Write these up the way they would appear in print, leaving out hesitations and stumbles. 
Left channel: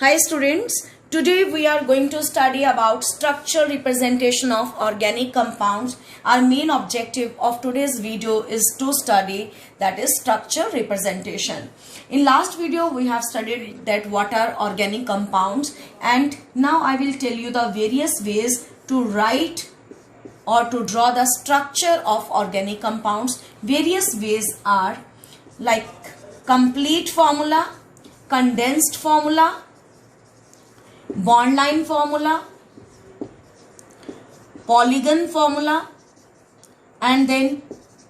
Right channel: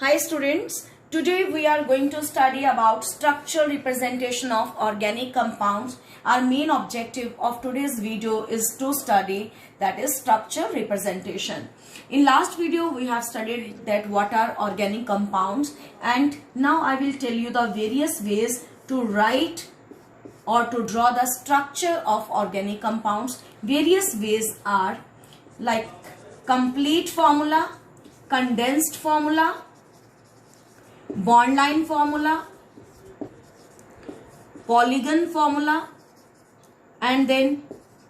Hi students, today we are going to study about structural representation of organic compounds. Our main objective of today's video is to study that is structural representation. In last video we have studied that what are organic compounds, and now I will tell you the various ways to write or to draw the structure of organic compounds. Various ways are like complete formula, condensed formula, bond line formula, polygon formula, and then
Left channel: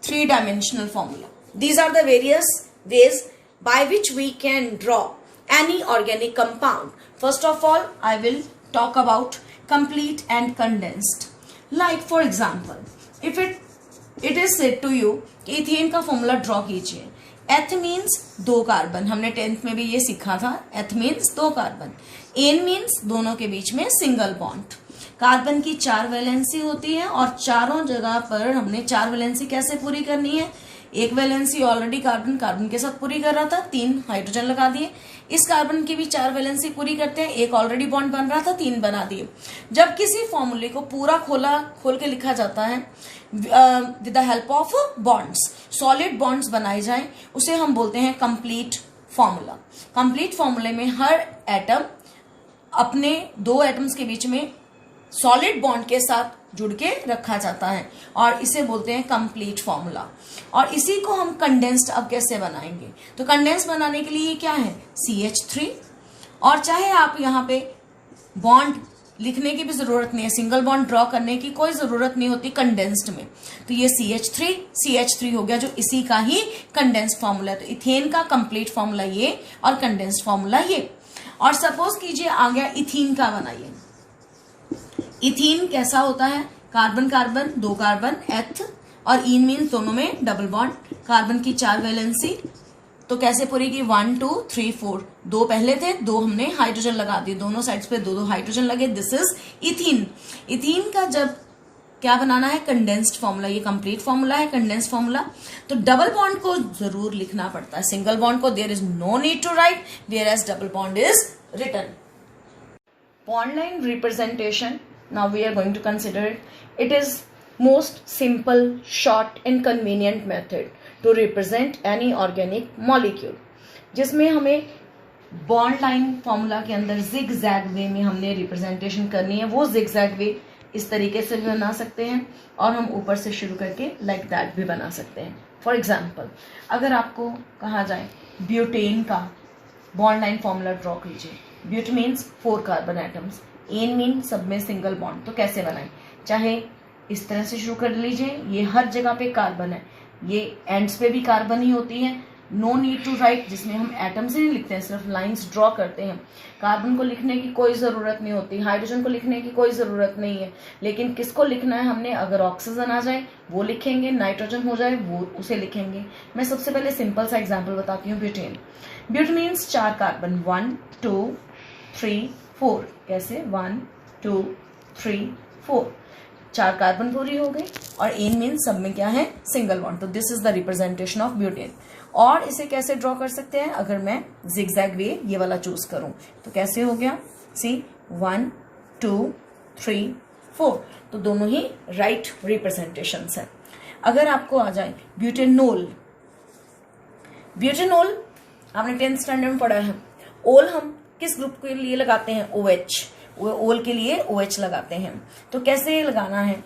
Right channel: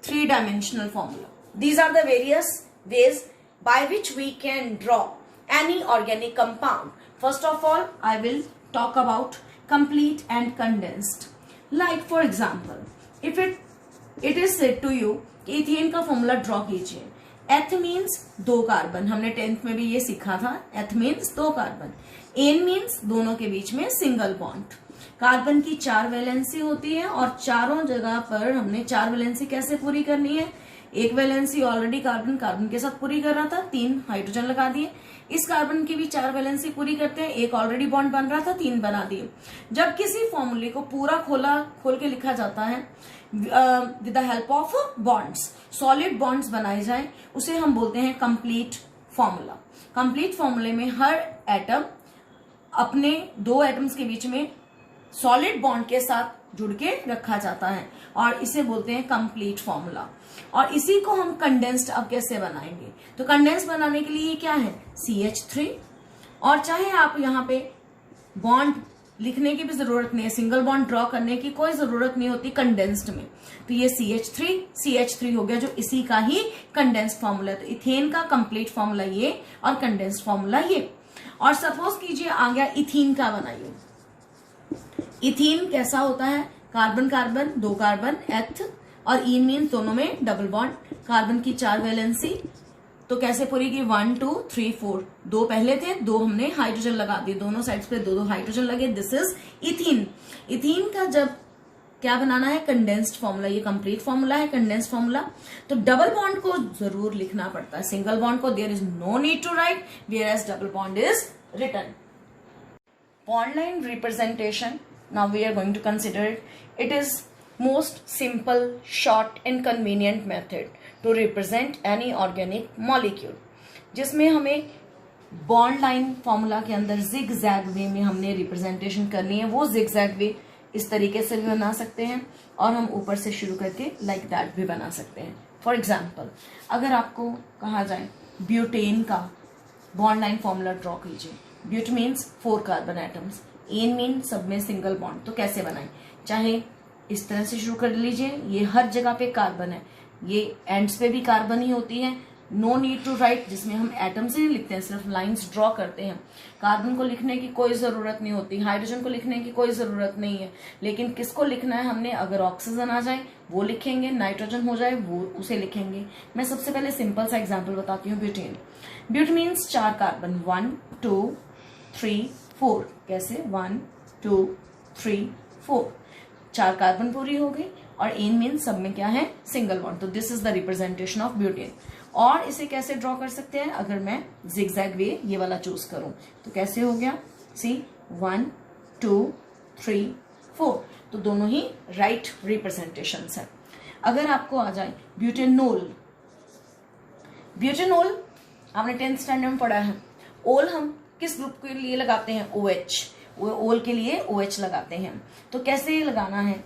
three-dimensional formula. These are the various ways by which we can draw any organic compound. First of all, I will talk about complete and condensed. Like for example, if it is said to you कि ethane का formula draw कीजिए. एथ means 2 carbon, हमने 10th में भी ये सीखा था. एथ मीन्स 2 कार्बन. एन मीन्स दोनों के बीच में सिंगल बॉन्ड. कार्बन की 4 वैलेंसी होती है और चारों जगह पर हमने 4 वैलेंसी कैसे पूरी करनी है. एक वैलेंसी ऑलरेडी कार्बन के साथ पूरी कर रहा था, 3 हाइड्रोजन लगा दिए. इस कार्बन की भी 4 वैलेंसी पूरी करते हैं, एक ऑलरेडी बॉन्ड बन रहा था, 3 बना दिए. जब किसी फॉर्मूले को पूरा खोल के लिखा जाता है with the help of bonds, solid bonds बनाए जाए, उसे हम बोलते हैं कंप्लीट फॉर्मूला. कंप्लीट फॉर्मूले में हर एटम अपने 2 एटम्स के बीच में सॉलिड बॉन्ड के साथ जुड़ के रखा जाता है और इसे बोलते हैं कंप्लीट फॉर्मूला. और इसी को हम कंडेंस्ड अब कैसे बनाएंगे, तो कंडेंस बनाने के लिए क्या है CH3. और चाहे आप यहाँ पे बॉन्ड लिखने की भी जरूरत नहीं है, सिंगल बॉन्ड ड्रॉ करने की कोई जरूरत नहीं होती कंडेंस्ड में. तो ये CH3 हो गया जो इसी का ही कंडेंस्ड फॉर्मूला. तो इथेन का कंप्लीट फॉर्मूला ये और कंडेंस्ड फॉर्मूला ये. और सपोज कीजिए आ गया इथीन का बनाइए. इथीन कैसा होता है, कार्बन 2 कार्बन, एथ और इन मीन्स दोनों में डबल बॉन्ड. कार्बन की 4 वैलेंसी, तो कैसे पूरी की 1 2 3 4. 2 पहले थे, 2 हमने हाइड्रोजन लगा दिए, दोनों साइड्स पे 2 हाइड्रोजन लगे. This is ethene. इथीन का जब क्या बनाना है कंडेंस्ड फॉर्मूला, ये कंप्लीट फॉर्मूला है कंडेंस्ड फॉर्मूला. तो डबल बॉन्ड को जरूर लिखना पड़ता है, सिंगल बॉन्ड को there is no need to write, whereas double bond is written. Bond line representation, now we are going to consider it. It is most simple, short and convenient method to represent any organic molecule, जिसमें हमें bond line formula के अंदर zig zag वे में हमने representation करनी है. वो zig zag वे इस तरीके से भी बना सकते हैं और हम ऊपर से शुरू करके लाइक दैट भी बना सकते हैं. फॉर एग्जाम्पल, अगर आपको कहा जाए ब्यूटेन का बॉन्ड लाइन फॉर्मूला ड्रॉ कीजिए. But means 4 carbon atoms, ane mean सब में सिंगल बॉन्ड. तो कैसे बनाएं, चाहे इस तरह से शुरू कर लीजिए. ये हर जगह पे कार्बन है, ये एंड्स पे भी कार्बन ही होती है. नो नीड टू राइट, जिसमें हम एटम्स ही लिखते हैं, सिर्फ लाइंस ड्रॉ करते हैं. कार्बन को लिखने की कोई ज़रूरत नहीं होती, हाइड्रोजन को लिखने की कोई ज़रूरत नहीं है. लेकिन किसको लिखना है हमने, अगर ऑक्सीजन आ जाए वो लिखेंगे, नाइट्रोजन हो जाए वो उसे लिखेंगे. मैं सबसे पहले सिंपल सा एग्जाम्पल बताती हूँ. ब्यूटेन. But means 4 carbon, 1 2 3 4. कैसे 1 2 3 4, 4 कार्बन पूरी हो गई. और एन मीन सब में क्या है सिंगल बॉन्ड. तो this is the representation of butane. और इसे कैसे ड्रॉ कर सकते हैं, अगर मैं जिगजैग वे ये वाला चूज करूं तो कैसे हो गया, सी 1 2 3 4. तो दोनों ही राइट रिप्रेजेंटेशन है. अगर आपको आ जाए ब्यूटेनोल. ब्यूटेनोल आपने 10th स्टैंडर्ड में पढ़ा है. ओल हम किस ग्रुप के लिए लगाते हैं, OH. ओल के लिए OH लगाते हैं. तो कैसे लगाना है,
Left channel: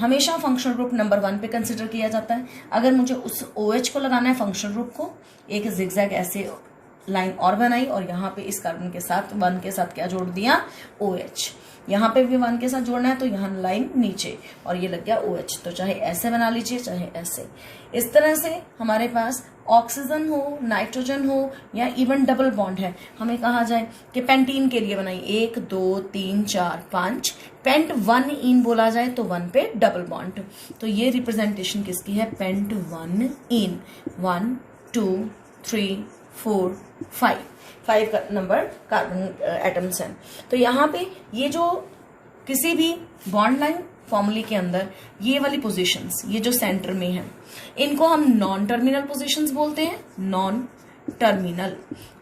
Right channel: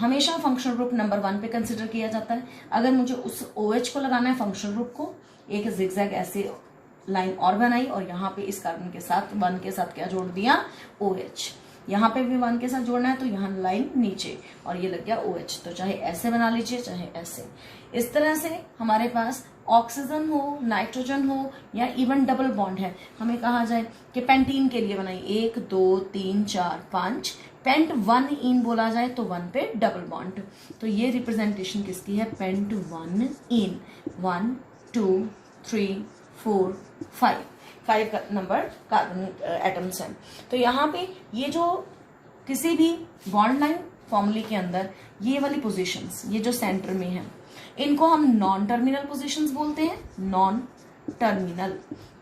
हमेशा फंक्शनल ग्रुप नंबर 1 पे कंसिडर किया जाता है. अगर मुझे उस OH को लगाना है फंक्शनल ग्रुप को, एक जिगजैग ऐसे लाइन और बनाई और यहाँ पे इस कार्बन के साथ 1 के साथ क्या जोड़ दिया OH. यहाँ पे भी 1 के साथ जोड़ना है तो यहाँ लाइन नीचे और ये लग गया OH. तो चाहे ऐसे बना लीजिए चाहे ऐसे. इस तरह से हमारे पास ऑक्सीजन हो, नाइट्रोजन हो या इवन डबल बॉन्ड है, हमें कहा जाए कि पेंटीन के लिए बनाई 1 2 3 4 5, पेंट 1 इन बोला जाए तो 1 पे डबल बॉन्ड. तो ये रिप्रेजेंटेशन किसकी है, पेंट 1 इन. 1 2 3 4 5 नंबर कार्बन एटम्स हैं. तो यहाँ पे ये जो किसी भी बॉन्ड लाइन फॉर्मूले के अंदर ये वाली पोजीशंस, ये जो सेंटर में है, इनको हम नॉन टर्मिनल पोजीशंस बोलते हैं, नॉन टर्मिनल.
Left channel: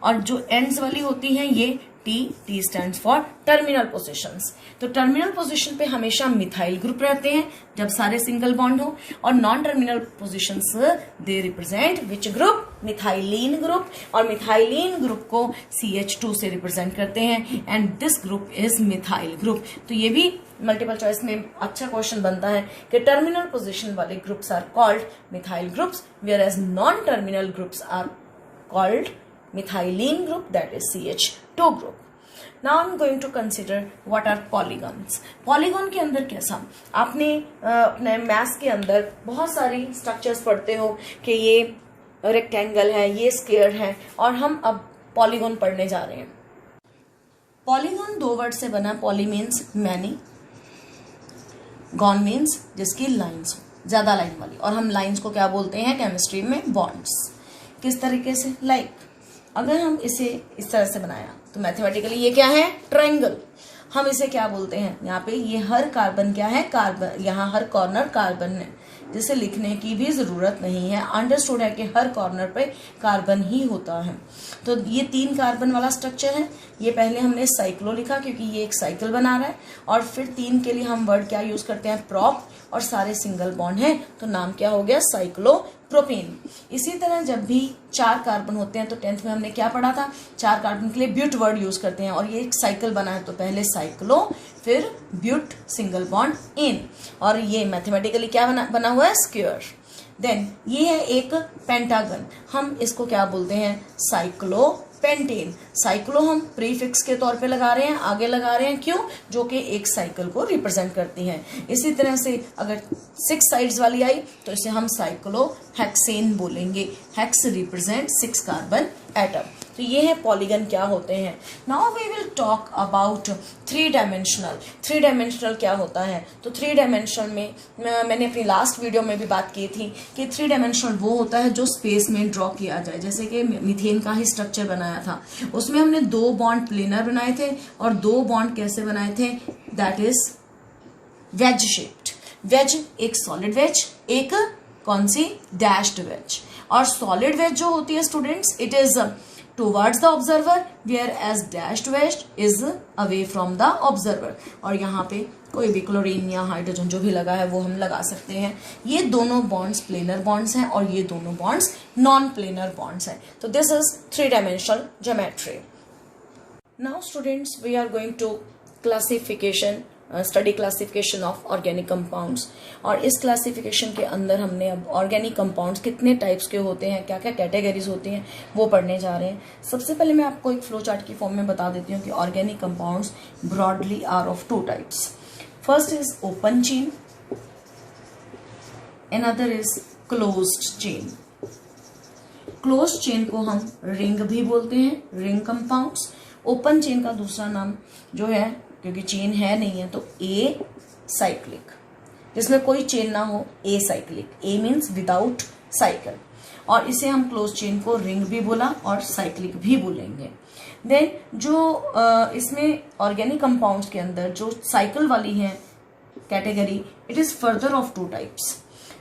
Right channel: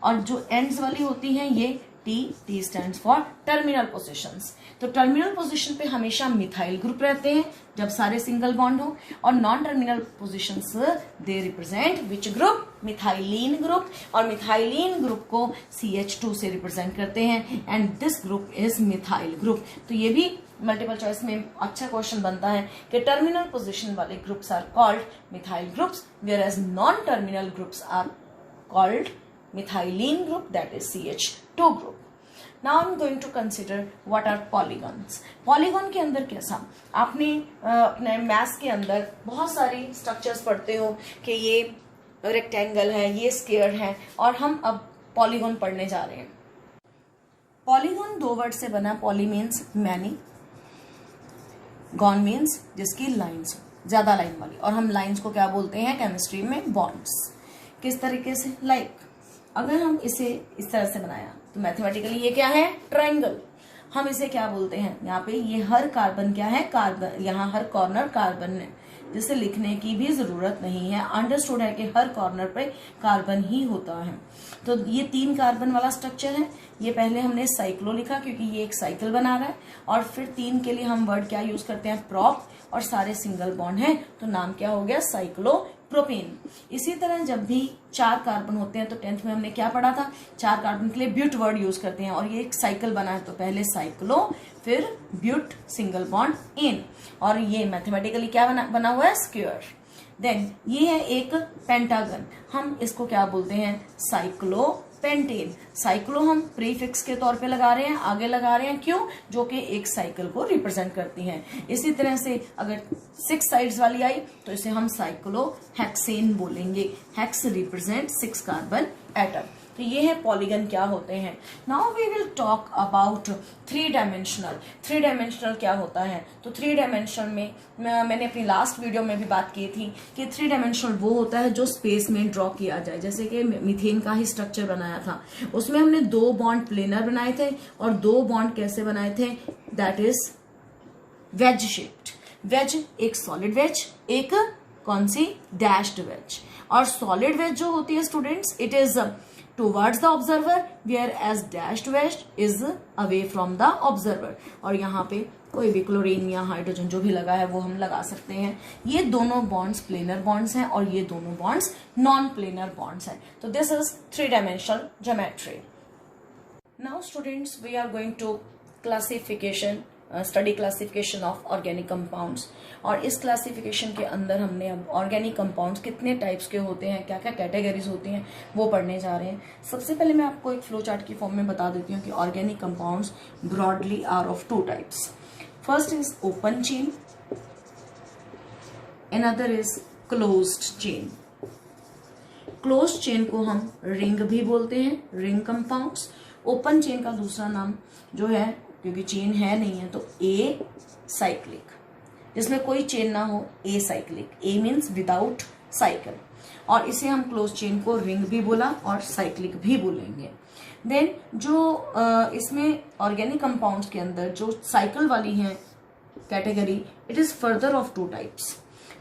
और जो एंड्स वाली होती हैं ये T stands for terminal positions. तो टर्मिनल पोजीशन पे हमेशा मिथाइल ग्रुप रहते हैं जब सारे सिंगल बॉन्ड हो, और non terminal positions they represent which group, methylene group, और मिथाइलिन ग्रुप को CH2 से रिप्रेजेंट करते हैं and this group is methyl group. तो ये भी मल्टीपल चॉइस में अच्छा क्वेश्चन बनता है कि टर्मिनल पोजीशन वाले groups are called methyl groups, whereas non terminal groups are called methylene group, that is CH2 group. Now I'm going to consider what are polygons. Polygon के अंदर कैसा, आपने अपने मैथ्स के अंदर बहुत सारी स्ट्रक्चर्स पढ़ते हो कि ये रेक्टेंगल है, ये स्क्वायर है, और हम अब पॉलीगॉन पढ़ने जा रहे हैं। पॉलीगॉन दो वर्ड से बना, poly means many, gone means जिसकी लाइन्स हो, ज्यादा लाइन वाली, और हम लाइन्स को क्या बोलते हैं केमिस्ट्री में, बॉन्ड्स। किस तरीके से, लाइक अगर हम इसे इस तरह से बनाया तो मैथमेटिकली ये क्या है, ट्रायंगल। हम इसे क्या बोलते हैं, यहाँ पे ये हर कार्बन क्या है, कार्बन, यहाँ हर कॉर्नर कार्बन है, जिसे लिखने की भी जरूरत नहीं है, अंडरस्टूड है कि हर कॉर्नर पे कार्बन ही होता है। तो ये 3 कार्बन वाला स्ट्रक्चर है। ये पहले हमने साइक्लो लिखा क्योंकि ये एक साइकिल बना रहा है, और फिर 3 के लिए हम वर्ड क्या यूज करते हैं, प्रॉप, और सारे सिंगल बॉन्ड हैं तो नाम क्या हो गया, साइक्लोप्रोपेन। इसी तरह जब भी 4 कार्बन होते हैं तो 10th में हमने क्या पढ़ा था, 4 कार्बन के लिए ब्यूट वर्ड यूज करते हैं, और ये एक साइकिल बना है तो पहले साइक्लो, फिर ब्यूट, सिंगल बॉन्ड इन, और ये मैथमेटिकली क्या बना हुआ है, स्क्वायर। देन ये है एक पेंटागन, हम इसको क्या बोलते हैं, साइक्लोपेंटेन। साइक्लो हम प्रीफिक्स के तौर पे लगा रहे हैं, आगे लगा रहे हैं, क्यों, जो कि एक साइकिल को रिप्रेजेंट करती हैं। इसी तरह से अगर 6 साइड्स वाली आई तो इसे हम साइक्लोहेक्सेन बोलेंगे, हेक्स रिप्रेजेंट 6 कार्बन एटम। तो ये है पॉलीगन क्या होते हैं। Now we will talk about 3 dimensional. 3 dimensional क्या होता है, तो 3 डायमेंशनल में मैंने अपनी लास्ट वीडियो में भी बात की थी कि 3 डायमेंशनल वो होता है जो स्पेस में ड्रॉ किया जाए, जैसे कि मीथेन का ही स्ट्रक्चर बनाया था, उसमें हमने 2 बॉन्ड प्लेनर बनाए थे और 2 बॉन्ड कैसे बनाए थे, that is wedge shaped. Wedge एक सॉलिड वेज, एक कौन सी, डैश्ड वेज। और सॉलिड वेज जो होती है students, it is towards the observer, whereas dashed wedge is away from the observer। और यहाँ पे कोई भी क्लोरीन या हाइड्रोजन जो भी लगा है वो हम लगा सकते हैं। ये दोनों बॉन्ड्स प्लेनर बॉन्ड्स हैं और ये दोनों बॉन्ड्स नॉन प्लेनर बॉन्ड्स हैं। तो this is 3 dimensional geometry. Now students we are going to classification, study classification of organic compounds. और इस क्लासिफिकेशन के अंदर हमने अब ऑर्गेनिक कंपाउंड्स कितने टाइप्स के होते हैं, क्या क्या कैटेगरीज होती हैं, वो पढ़ने जा रहे हैं। सबसे पहले मैं आपको एक फ्लो चार्ट की फॉर्म में बता देती हूँ कि organic compounds broadly are of 2 types. First is open chain, another is closed chain. Closed chain को हम रिंग भी बोलते हैं, रिंग कंपाउंड्स। ओपन चेन का दूसरा नाम जो है, क्योंकि चेन है नहीं है तो ए साइक्लिक, जिसमें कोई चेन ना हो, a cyclic, A means without cycle. और इसे हम क्लोज चेन को रिंग भी बोला और साइक्लिक भी बोलेंगे। देन जो इसमें ऑर्गेनिक कंपाउंड्स के अंदर जो साइकिल वाली है category, it is further of 2 types.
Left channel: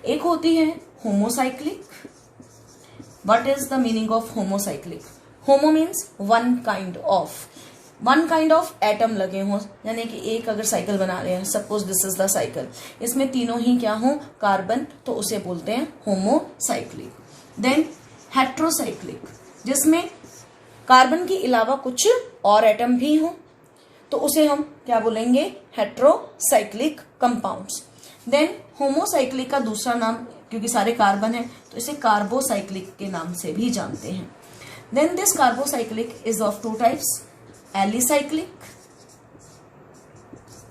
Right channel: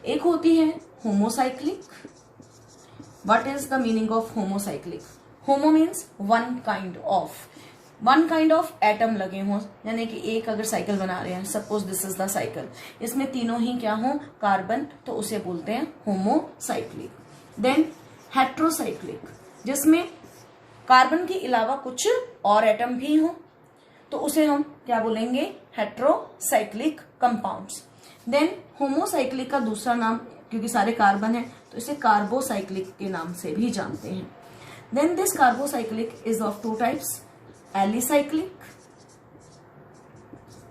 एक होती है homocyclic. What is the meaning of homocyclic? Homo means one kind of atom लगे हों, यानी कि एक अगर साइकिल बना रहे हैं, suppose this is the cycle, इसमें तीनों ही क्या हो, कार्बन, तो उसे बोलते हैं होमोसाइक्लिक। देन हेट्रोसाइक्लिक, जिसमें कार्बन के अलावा कुछ और एटम भी हो, तो उसे हम क्या बोलेंगे, हेट्रोसाइक्लिक कंपाउंड्स। देन होमोसाइक्लिक का दूसरा नाम, क्योंकि सारे कार्बन है तो इसे कार्बोसाइक्लिक के नाम से भी जानते हैं। Then this carbocyclic is of 2 types, alicyclic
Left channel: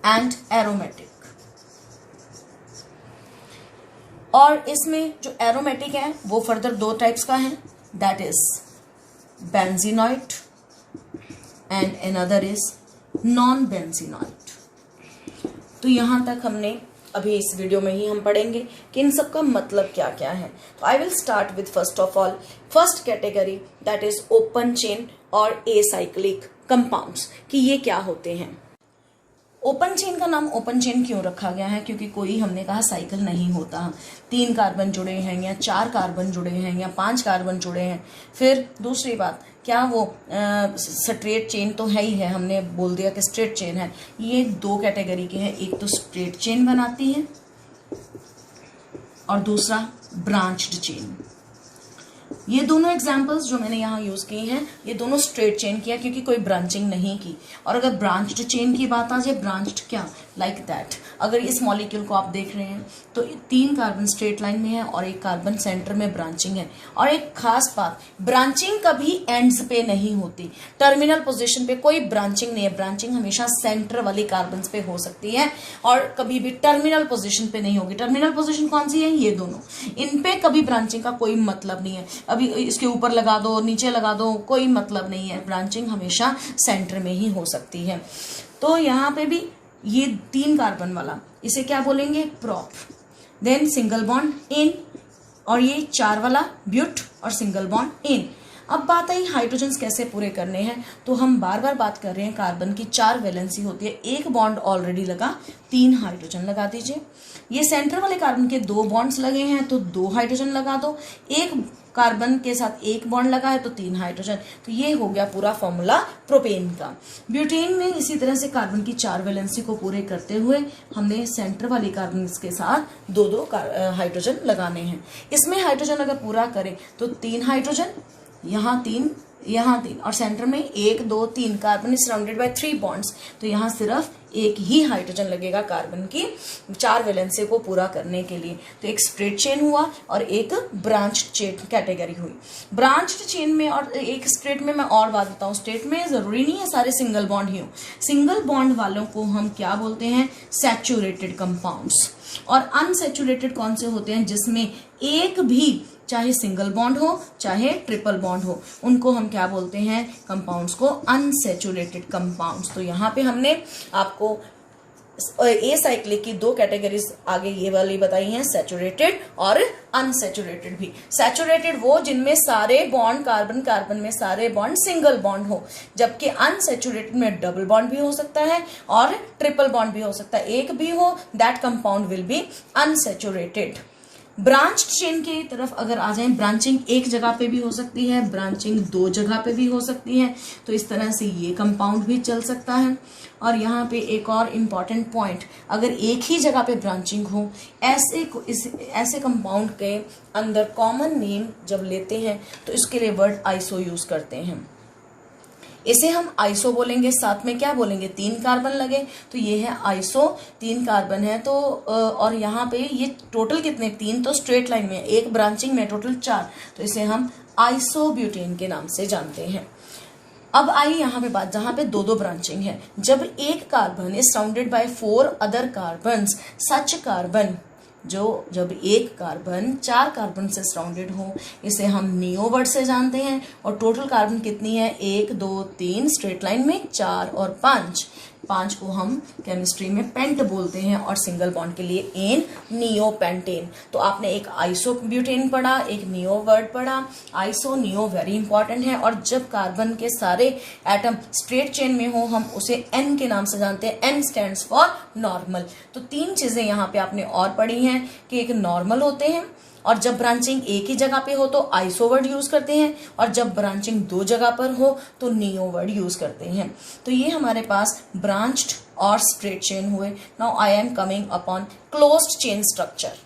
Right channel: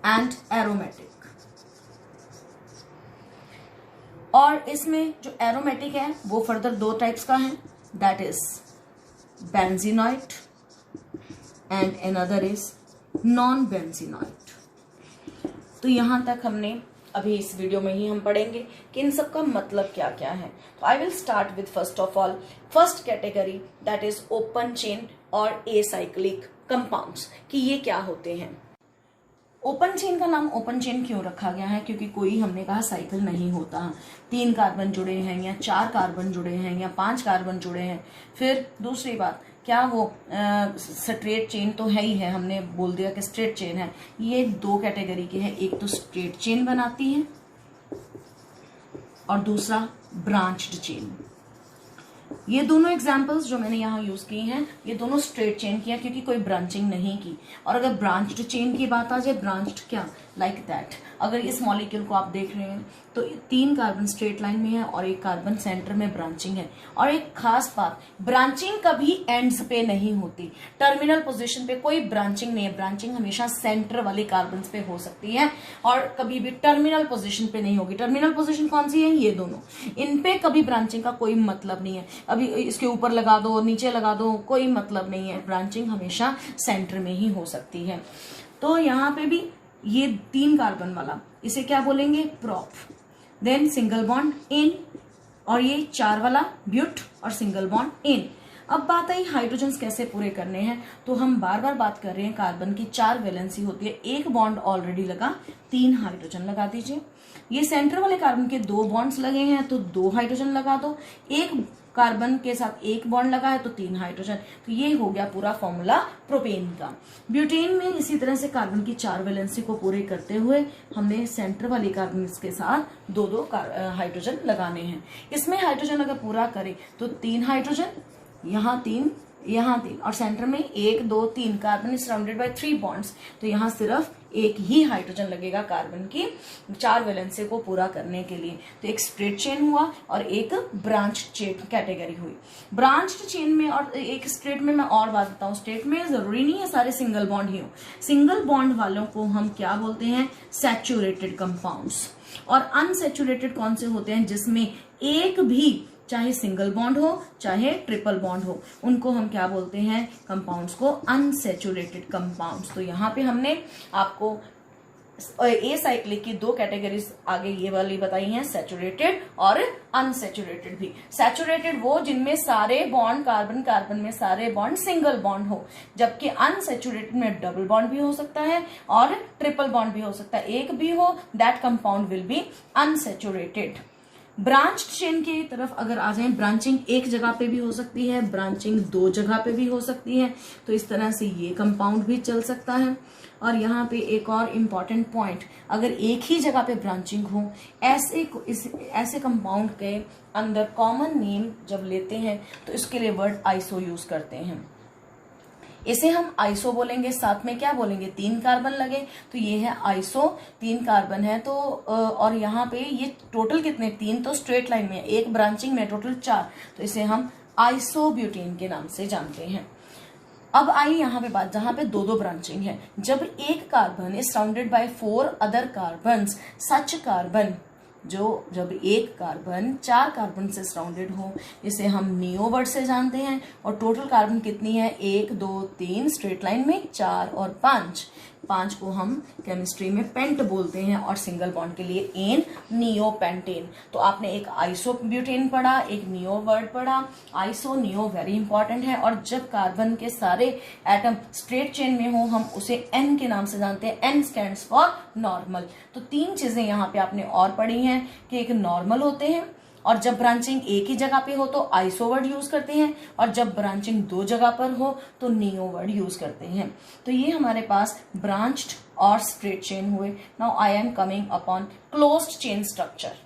and aromatic. और इसमें जो एरोमेटिक है वो फर्दर 2 टाइप्स का है, that is benzenoid and another is non benzenoid. तो यहां तक हमने अभी इस वीडियो में ही हम पढ़ेंगे कि इन सब का मतलब क्या क्या है। तो I will start with first of all first category, that is open chain और एसाइक्लिक कंपाउंड्स, कि ये क्या होते हैं। ओपन चेन का नाम ओपन चेन क्यों रखा गया है? क्योंकि कोई हमने कहा साइकिल नहीं होता, 3 कार्बन जुड़े हैं या 4 कार्बन जुड़े हैं या 5 कार्बन जुड़े हैं। फिर दूसरी बात, क्या वो स्ट्रेट चेन तो है ही है, हमने बोल दिया कि स्ट्रेट चेन है। ये 2 कैटेगरी के हैं, एक तो स्ट्रेट चेन बनाती है और दूसरा ब्रांच्ड चेन। ये दोनों एग्जाम्पल्स जो मैंने यहाँ यूज किए हैं, ये दोनों स्ट्रेट चेन किया क्योंकि कोई ब्रांचिंग नहीं की। और अगर ब्रांच्ड चेन की बात आ जाए, ब्रांच्ड क्या, लाइक दैट, अगर इस मॉलिक्यूल को आप देख रहे हैं तो 3 कार्बन स्ट्रेट लाइन में है और 1 कार्बन सेंटर में ब्रांचिंग है। और एक खास बात, ब्रांचिंग कभी एंड्स पे नहीं होती, टर्मिनल पोजीशन पे कोई ब्रांचिंग नहीं है। ब्रांचिंग हमेशा सेंटर वाले कार्बन पे हो सकती है और कभी भी टर्मिनल पोजीशन पे नहीं होगी। टर्मिनल पोजीशन कौन सी है? ये दोनों, इन पे कभी ब्रांचिंग का कोई मतलब नहीं है। अभी इसके ऊपर लगा दो, नीचे लगा दो, कोई मतलब नहीं है। ब्रांचिंग हमेशा सेंटर में ही हो सकती है। तो यहाँ पे भी ये 3 कार्बन वाला, इसे क्या बोलेंगे? Prop. Then single bond in, और ये 4 वाला ब्यूट और सिंगल बॉन्ड इन। अब बात आई हाइड्रोजन्स कैसे पूरे करने हैं, तो हम बार बार बात कर रहे हैं कार्बन की 4 वैलेंसी होती है। 1 बॉन्ड ऑलरेडी लगा, 3 हाइड्रोजन लगा दीजिए। ये सेंटर वाले कार्बन के 2 बॉन्ड्स लगे हैं तो 2 हाइड्रोजन लगा दो। 1 कार्बन के साथ 1 बॉन्ड लगा है तो 3 हाइड्रोजन। तो ये हो गया पूरा फॉर्मूला प्रोपेन का। ब्यूटेन में इसी तरह से कार्बन की 4 वैलेंसी को पूरे करते हुए हमने सेंटर वाली कार्बन के साथ 2-2 हाइड्रोजन लगाने हैं। इसमें हाइड्रोजन अगर पूरा करें तो 3 हाइड्रोजन, यहाँ 3, यहाँ 3, और सेंटर में 1 2 3 carbon is surrounded by 3 bonds. तो यहाँ सिर्फ 1 ही हाइड्रोजन लगेगा कार्बन की 4 वैलेंसी को पूरा करने के लिए। तो एक स्ट्रेट चेन हुआ और एक ब्रांच्ड चेन कैटेगरी हुई। ब्रांच्ड चेन में और एक स्ट्रेट में मैं और बात बताऊं, स्ट्रेट में जरूरी नहीं है सारे सिंगल बॉन्ड ही हो। सिंगल बॉन्ड वालों को हम क्या बोलते हैं? Saturated compounds. और अनसैचुरेटेड कौन से होते हैं? जिसमें एक भी, चाहे सिंगल बॉन्ड हो चाहे ट्रिपल बॉन्ड हो, उनको हम क्या बोलते हैं? कंपाउंड्स को अनसैचुरेटेड कंपाउंड्स। तो यहाँ पे हमने आपको ए साइक्लिक की 2 कैटेगरीज आगे ये वाली बताई हैं, सैचुरेटेड और अनसैचुरेटेड भी। सैचुरेटेड वो जिनमें सारे बॉन्ड कार्बन कार्बन में सारे बॉन्ड सिंगल बॉन्ड हो, जबकि अनसैचुरेटेड में डबल बॉन्ड भी हो सकता है और ट्रिपल बॉन्ड भी हो सकता है। एक भी हो, that compound will be unsaturated. Branched chain की तरफ अगर आ जाएं, ब्रांचिंग 1 जगह पे भी हो सकती है, ब्रांचिंग 2 जगह पे भी हो सकती है। तो इस तरह से ये कंपाउंड भी चल सकता है। और यहाँ पे एक और इम्पॉर्टेंट पॉइंट, अगर एक ही जगह पे ब्रांचिंग हो, ऐसे कंपाउंड के अंदर कॉमन नेम जब लेते हैं तो इसके लिए वर्ड आइसो यूज करते हैं। इसे हम आइसो बोलेंगे, साथ में क्या बोलेंगे? 3 कार्बन लगे तो ये है आइसो, 3 कार्बन है। तो और यहाँ पे ये टोटल कितने? 3 तो स्ट्रेट लाइन में, 1 ब्रांचिंग में, टोटल 4। तो इसे हम आइसोब्यूटेन के नाम से जानते हैं। अब आई यहाँ पे बात जहाँ पे 2-2 ब्रांचिंग है। जब एक carbon is surrounded by 4 other carbons, such carbon जब एक कार्बन 4 कार्बन से सराउंडेड हो, इसे हम नियो वर्ड से जानते हैं। और टोटल कार्बन कितनी है? 1 2 3 स्ट्रेट लाइन में, 4 और 5 को हम केमिस्ट्री में पेंट बोलते हैं और सिंगल बॉन्ड के लिए एन, नियो पेंटेन। तो आपने एक आइसोब्यूटेन पढ़ा, एक नियो वर्ड पढ़ा। आइसो नियो वेरी इंपॉर्टेंट है। और जब कार्बन के सारे एटम स्ट्रेट चेन में हो, हम उसे एन के नाम से जानते हैं। N stands for normal. तो 3 चीजें यहाँ पे आपने और पढ़ी हैं कि एक नॉर्मल होते हैं, और जब ब्रांचिंग एक ही जगह पे हो तो आइसो वर्ड यूज करते हैं, और जब ब्रांचिंग 2 जगह पर हो तो नियो वर्ड यूज करते हैं। तो ये हमारे पास ब्रांच्ड और स्ट्रेट चेन हुए। Now I am coming upon closed chain structure.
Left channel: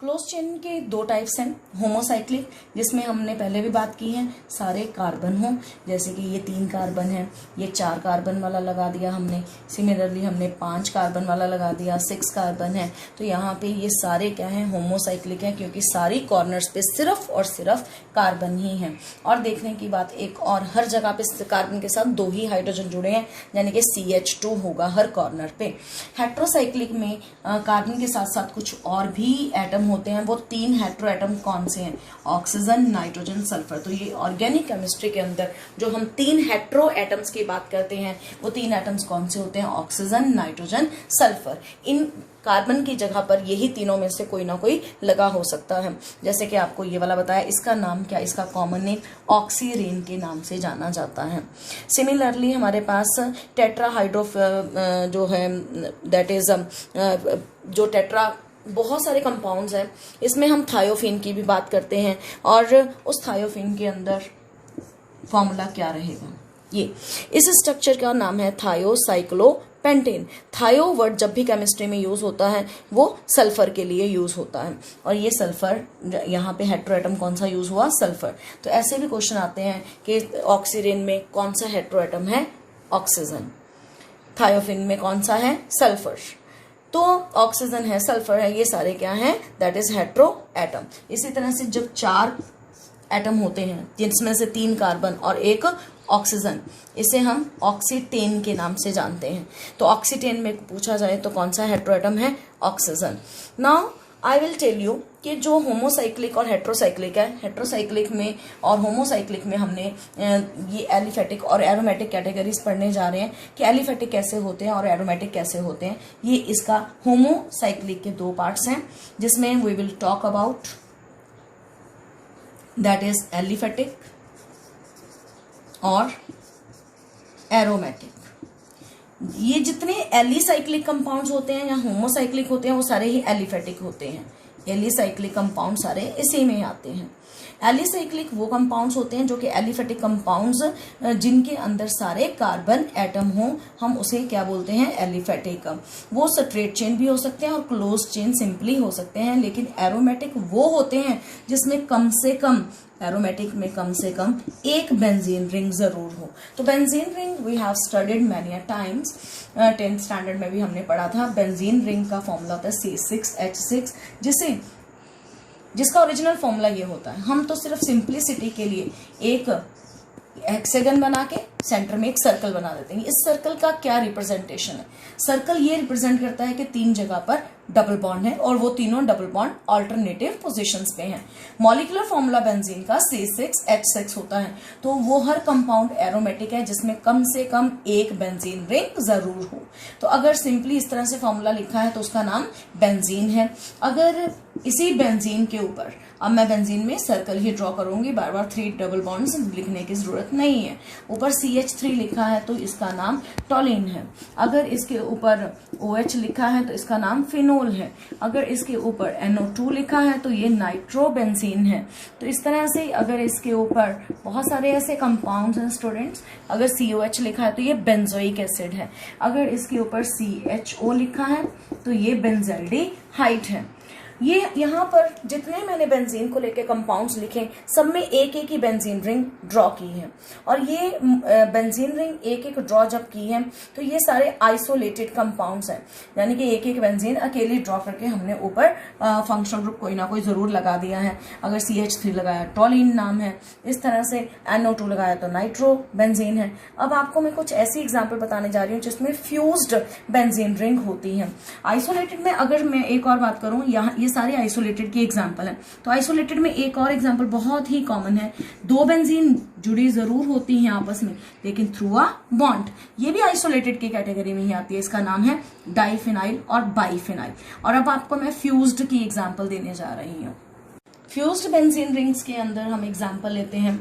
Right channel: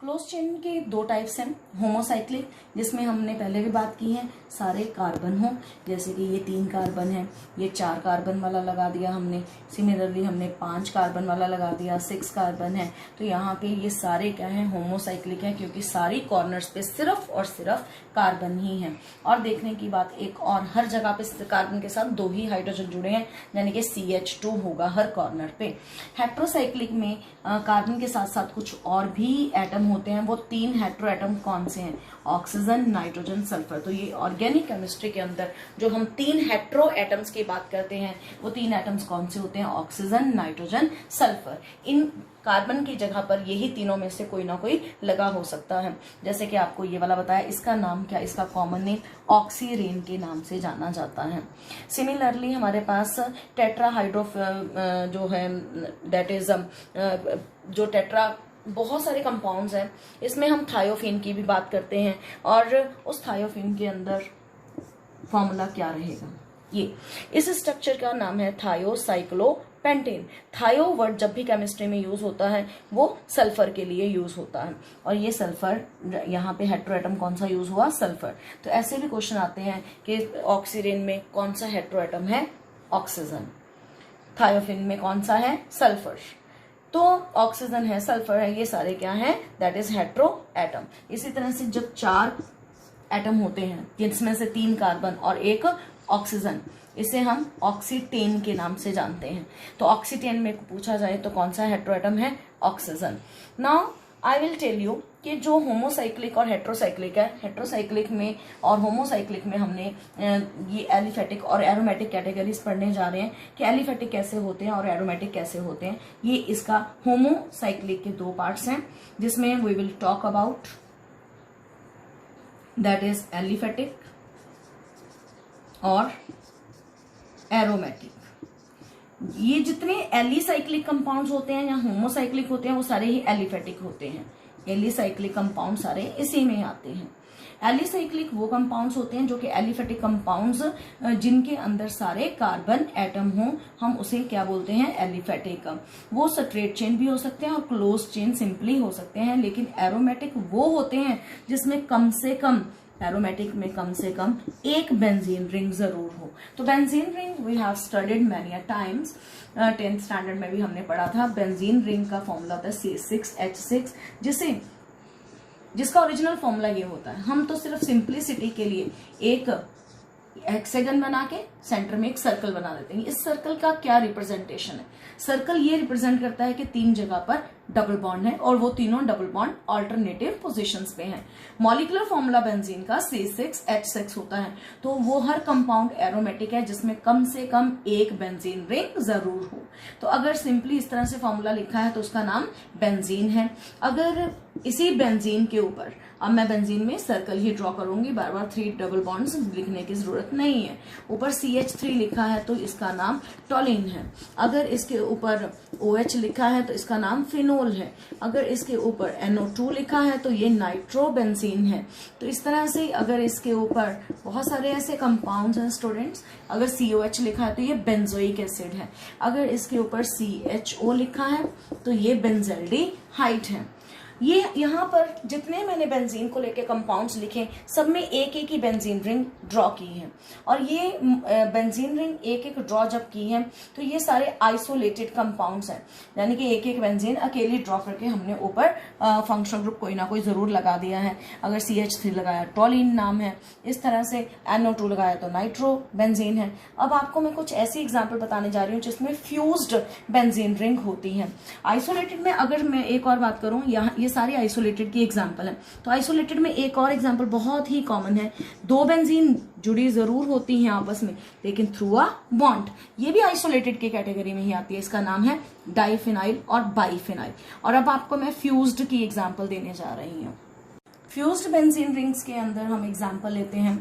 Close chain के 2 टाइप्स हैं। होमोसाइक्लिक, जिसमें हमने पहले भी बात की है, सारे कार्बन हो, जैसे कि ये 3 कार्बन है, ये 4 कार्बन वाला लगा दिया हमने। सिमिलरली हमने 5 कार्बन वाला लगा दिया, 6 कार्बन है। तो यहाँ पे ये सारे क्या है? होमोसाइक्लिक है, क्योंकि सारी कॉर्नर्स पे सिर्फ और सिर्फ कार्बन ही है। और देखने की बात एक और, हर जगह पे कार्बन के साथ 2 ही हाइड्रोजन जुड़े हैं, यानी कि CH2 होगा हर कॉर्नर पे। हेट्रोसाइक्लिक में कार्बन के साथ साथ कुछ और भी एटम होते हैं वो 3 हेटेरो एटम कौन से हैं? Oxygen, nitrogen, sulphur. तो ये ऑर्गेनिक केमिस्ट्री के अंदर जो हम 3 हेटेरो एटम्स की बात करते हैं वो 3 एटम्स कौन से होते हैं? Oxygen, nitrogen, sulphur. इन कार्बन की जगह पर यही तीनों में से कोई ना कोई लगा हो सकता है। जैसे कि आपको ये वाला बताया, इसका नाम क्या? इसका कॉमन नेम ऑक्सीरेन के नाम से जाना जाता है। सिमिलरली हमारे पास टेट्राहाइड्रो जो है दैट इज जो टेट्रा बहुत सारे कंपाउंड्स हैं, इसमें हम थायोफिन की भी बात करते हैं और उस थायोफिन के अंदर फॉर्मूला क्या रहेगा? ये इस स्ट्रक्चर का नाम है थायोसाइक्लोपेंटेन। थायो वर्ड जब भी केमिस्ट्री में यूज होता है वो सल्फर के लिए यूज होता है और ये सल्फर यहाँ पे हेटेरो एटम कौन सा यूज हुआ? सल्फर। तो ऐसे भी क्वेश्चन आते हैं कि ऑक्सीजन में कौन सा हेटेरो एटम है? ऑक्सीजन। थायोफिन में कौन सा है? सल्फर। तो ऑक्सीजन है, सल्फर है, ये सारे क्या हैं? That is hetero atom. इसी तरह से जब 4 एटम होते हैं जिसमें से 3 कार्बन और 1 ऑक्सीजन, इसे हम ऑक्सीटेन के नाम से जानते हैं। तो ऑक्सीटेन में पूछा जाए तो कौन सा हेटेरो एटम है? Oxygen. Now I will tell you कि जो होमोसाइक्लिक और हेट्रोसाइक्लिक है, हेट्रोसाइक्लिक में और होमोसाइक्लिक में हमने ये एलिफेटिक और एरोमेटिक कैटेगरीज पढ़ने जा रहे हैं कि एलिफेटिक कैसे होते हैं और एरोमेटिक कैसे होते हैं। ये इसका होमोसाइक्लिक के 2 पार्ट्स हैं जिसमें we will talk about that is aliphatic और एरोमेटिक। ये जितने एलिसाइक्लिक कंपाउंड्स होते हैं या होमोसाइक्लिक होते हैं वो सारे ही एलिफेटिक होते हैं। एलिसाइक्लिक कंपाउंड सारे इसी में आते हैं। एलिसाइक्लिक वो कंपाउंड्स होते हैं जो कि एलिफेटिक कंपाउंड्स जिनके अंदर सारे कार्बन एटम हो, हम उसे क्या बोलते हैं? एलिफेटिक। वो स्ट्रेट चेन भी हो सकते हैं और क्लोज चेन सिंपली हो सकते हैं। लेकिन एरोमेटिक वो होते हैं जिसमें कम से कम, एरोमेटिक में कम से कम एक बेंजीन रिंग जरूर हो। तो benzene ring we have studied many times, 10th standard में भी हमने पढ़ा था। बेंजीन रिंग का फॉर्मूला होता है C6H6, जिसका ओरिजिनल फॉर्मूला ये होता है। हम तो सिर्फ सिंप्लिसिटी के लिए एक हेक्सागन बना के सेंटर में एक सर्कल बना देते हैं। इस सर्कल का क्या रिप्रेजेंटेशन है? सर्कल ये रिप्रेजेंट करता है कि 3 जगह पर डबल बॉन्ड है और वो तीनों डबल बॉन्ड ऑल्टरनेटिव पोजीशंस पे हैं। मॉलिक्यूलर फॉर्मूला बेंजीन का C6H6 होता है। तो वो हर कंपाउंड एरोमेटिक है जिसमें कम से कम एक बेंजीन रिंग जरूर हो। तो अगर सिंपली इस तरह से फॉर्मूला लिखा है तो उसका नाम बेंजीन है। अगर इसी बेंजीन के ऊपर, अब मैं बेंजीन में सर्कल ही ड्रॉ करूंगी, बार बार 3 डबल बॉन्ड्स लिखने की जरूरत नहीं है। ऊपर CH3 लिखा है तो इसका नाम टॉलिन है। अगर इसके ऊपर OH लिखा है तो इसका नाम फिनोल है। अगर इसके ऊपर NO2 लिखा है तो ये नाइट्रोबेंजीन है। तो इस तरह से अगर इसके ऊपर बहुत सारे ऐसे कंपाउंड्स हैं स्टूडेंट्स, अगर COH लिखा है तो ये बेंजोइक एसिड है। अगर इसके ऊपर CHO लिखा है तो ये बेंजल्डिहाइड है। ये यहाँ पर जितने मैंने बेंजीन को लेके कंपाउंड्स लिखे सब में एक एक ही बेंजीन रिंग ड्रॉ की है। और ये बेंजीन रिंग एक एक ड्रॉ जब की है तो ये सारे आइसोलेटेड कंपाउंड्स हैं, यानी कि एक एक बेंजीन अकेली ड्रॉ करके हमने ऊपर फंक्शनल ग्रुप कोई ना कोई जरूर लगा दिया है। अगर CH3 लगाया टॉलिन नाम है, इस तरह से NO2 लगाया तो नाइट्रो बेंजीन है। अब आपको मैं कुछ ऐसी एग्जाम्पल बताने जा रही हूँ जिसमें फ्यूज्ड बेंजीन रिंग होती है। आइसोलेटेड में अगर मैं एक और बात करूँ, यहाँ सारे आइसोलेटेड की एग्जांपल है। तो आइसोलेटेड में एक और एग्जांपल बहुत ही कॉमन है, 2 बेंजीन जुड़ी जरूर होती हैं आपस में लेकिन थ्रू अ बॉन्ड। ये भी आइसोलेटेड की कैटेगरी में ही आती है। इसका नाम है डाइफिनाइल और बाइफिनाइल। और अब आपको मैं फ्यूज्ड की एग्जांपल देने जा रही हूँ। फ्यूज्ड बेंजीन रिंग्स के अंदर हम एग्जांपल लेते हैं,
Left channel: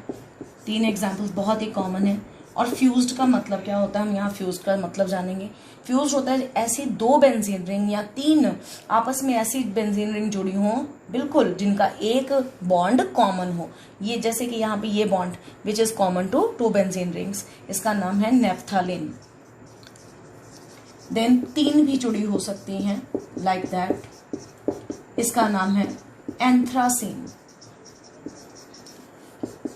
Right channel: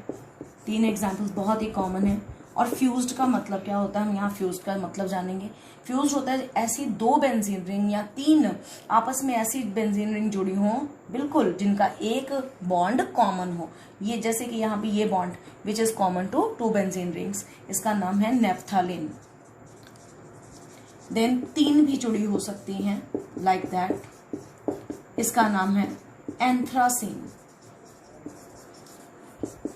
3 एग्जांपल्स बहुत ही कॉमन है। और फ्यूज्ड का मतलब क्या होता है, हम यहाँ फ्यूज्ड का मतलब जानेंगे। फ्यूज्ड होता है ऐसी 2 बेंजीन रिंग या 3 आपस में ऐसी बेंजीन रिंग जुड़ी हो बिल्कुल जिनका एक बॉन्ड कॉमन हो। ये जैसे कि यहाँ पे ये bond which is common to 2 benzene rings, इसका नाम है नेफ्थालिन। देन 3 भी जुड़ी हो सकती हैं लाइक दैट, इसका नाम है एंथ्रासीन।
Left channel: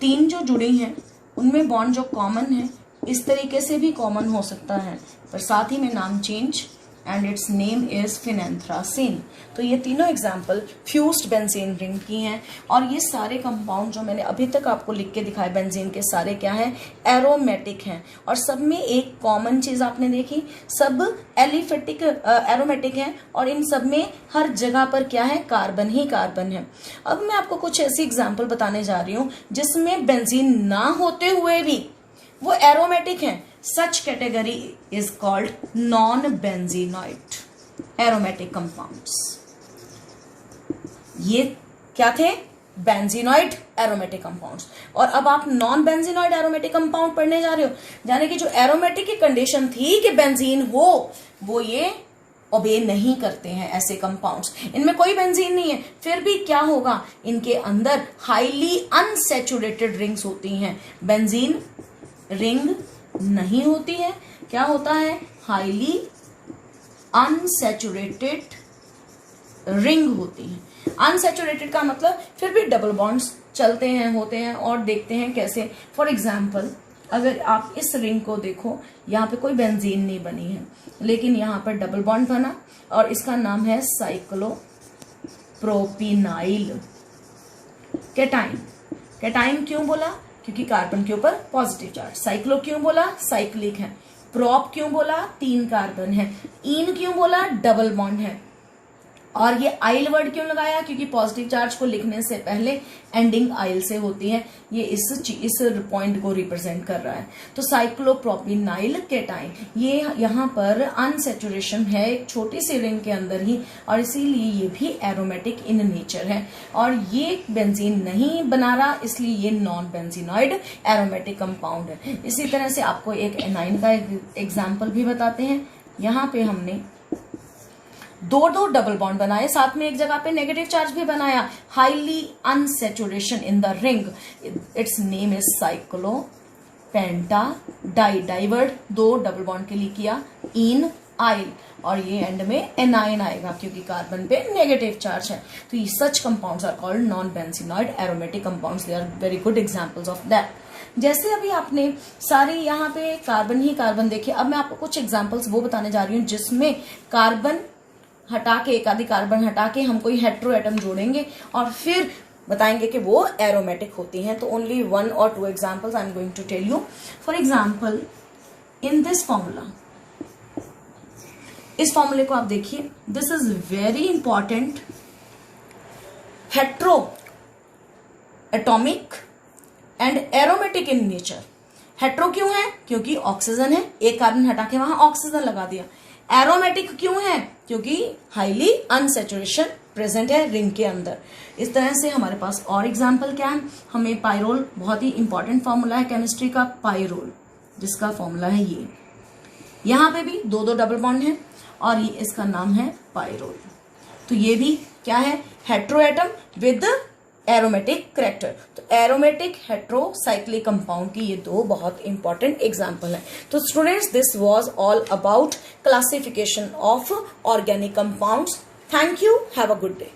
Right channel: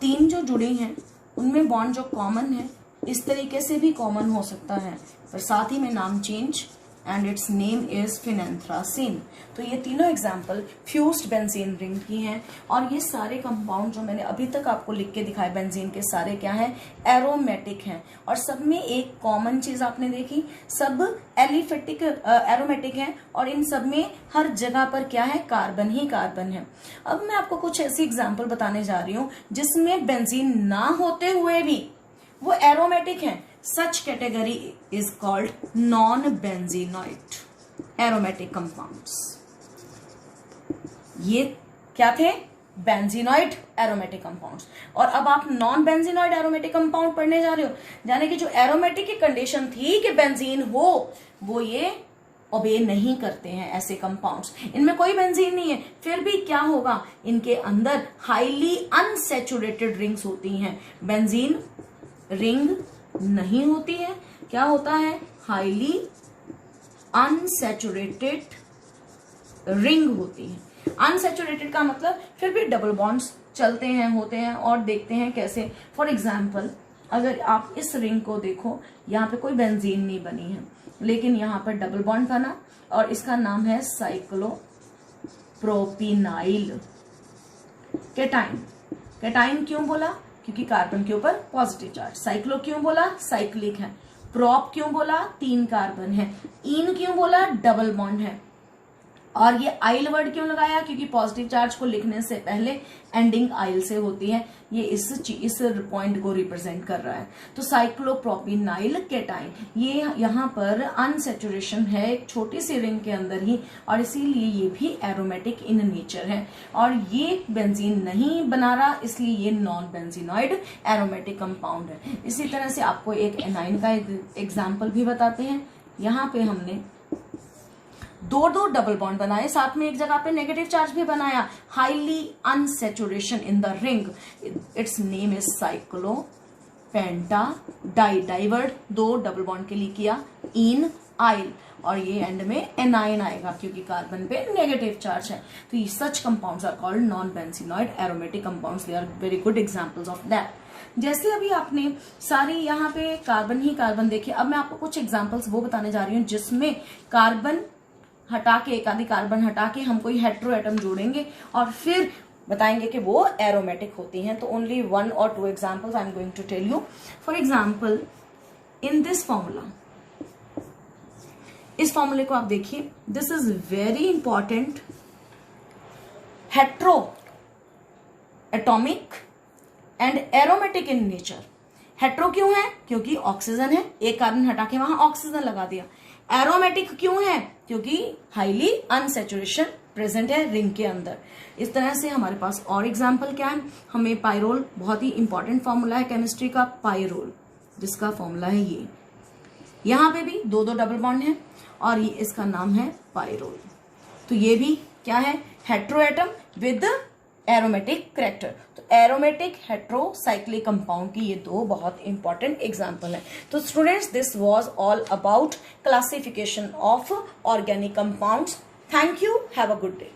3 जो जुड़ी हैं उनमें बॉन्ड जो कॉमन है इस तरीके से भी कॉमन हो सकता है, पर साथ ही में नाम change and its name is phenanthracene। तो ये तीनों एग्जाम्पल फ्यूज्ड बेंजीन रिंग की हैं। और ये सारे कंपाउंड जो मैंने अभी तक आपको लिख के दिखाए बेंजीन के, सारे क्या हैं, एरोमेटिक हैं। और सब में एक कॉमन चीज आपने देखी, सब एलिफेटिक एरोमेटिक हैं और इन सब में हर जगह पर क्या है, कार्बन ही कार्बन है। अब मैं आपको कुछ ऐसी एग्जाम्पल बताने जा रही हूं जिसमें बेंजीन ना होते हुए भी वो एरोमेटिक हैं। Such category is called non benzenoid aromatic compounds. ये क्या थे, बेंजीनॉइड एरोमेटिक कंपाउंड्स। और अब आप नॉन बेंजीनॉइड एरोमेटिक कंपाउंड पढ़ने जा रहे हो, यानी कि जो एरोमेटिक की कंडीशन थी कि बेंजीन हो, वो ये ओबे नहीं करते हैं ऐसे कंपाउंड्स। इनमें कोई बेंजीन नहीं है, फिर भी क्या होगा, इनके अंदर हाईली अनसैचुरेटेड रिंग्स होती हैं। बेंजीन रिंग नहीं होती है, क्या होता है, हाईली अनसैचुरेटेड रिंग होती है। अनसैचुरेटेड का मतलब फिर भी डबल बॉन्ड्स चलते हैं, होते हैं। और देखते हैं कैसे। फॉर एग्जाम्पल अगर आप इस रिंग को देखो, यहाँ पे कोई बेंजीन नहीं बनी है, लेकिन यहाँ पर डबल बॉन्ड बना और इसका नाम है साइक्लोप्रोपिनाइल कैटाइन। कैटाइन क्यों बोला, क्योंकि कार्बन के ऊपर पॉजिटिव चार्ज। साइक्लो क्यों बोला, साइक्लिक है। प्रोप क्यों बोला, 3 कार्बन है। इन क्यों बोला, डबल बॉन्ड है। और ये आइल वर्ड क्यों लगाया, क्योंकि पॉजिटिव चार्ज को लिखने से पहले एंडिंग आइल से होती है। ये इस पॉइंट को रिप्रेजेंट कर रहा है। तो साइक्लोप्रोपिनाइल कैटाइन, ये यहाँ पर अनसैचुरेशन है एक छोटी सी रिंग के अंदर ही, और इसीलिए ये भी एरोमेटिक इन नेचर है। और ये बेंजीन नहीं बना रहा, इसलिए ये नॉन बेंजीनॉइड एरोमेटिक कंपाउंड है। इसी तरह से आपको एक एनाइन का एग्जाम्पल भी बताते हैं। यहाँ पे हमने दो डबल बॉन्ड बनाए, साथ में एक जगह पे नेगेटिव चार्ज भी बनाया। Highly unsaturation in the ring, its name is cyclopentadienyl, 2 double bond के लिए किया, इन आइल, और ये एंड में एनाइन आएगा क्योंकि कार्बन पे नेगेटिव चार्ज है। तो ये such compounds are called non benzenoid aromatic compounds. They are very good examples of that. जैसे अभी आपने सारे यहाँ पे कार्बन ही कार्बन देखे, अब मैं आपको कुछ एग्जाम्पल्स वो बताने जा रही हूँ जिसमें कार्बन हटा के, एक आधी कार्बन हटा के हम कोई हेट्रो एटम जोड़ेंगे और फिर बताएंगे कि वो एरोमेटिक होती हैं। तो only 1 or 2 examples I am going to tell you. For example in this formula, इस फॉर्मूले को आप देखिए, this is very important. Hetero atomic and aromatic in nature. Hetero क्यों है, क्योंकि ऑक्सीजन है, एक कार्बन हटा के वहां ऑक्सीजन लगा दिया। एरोमेटिक क्यों है, क्योंकि हाईली अनसैचुरेशन प्रेजेंट है रिंग के अंदर। इस तरह से हमारे पास और एग्जाम्पल क्या है, हमें पायरोल, बहुत ही इंपॉर्टेंट फॉर्मूला है केमिस्ट्री का, पायरोल, जिसका फॉर्मूला है ये। यहाँ पे भी 2 डबल बॉन्ड है और ये इसका नाम है पायरोल। तो ये भी क्या है, hetero atom with aromatic character. तो एरोमेटिक हेट्रोसाइक्लिक कंपाउंड की ये 2 बहुत इंपॉर्टेंट एग्जाम्पल है। तो students, this was all about classification of organic compounds. Thank you, have a good day.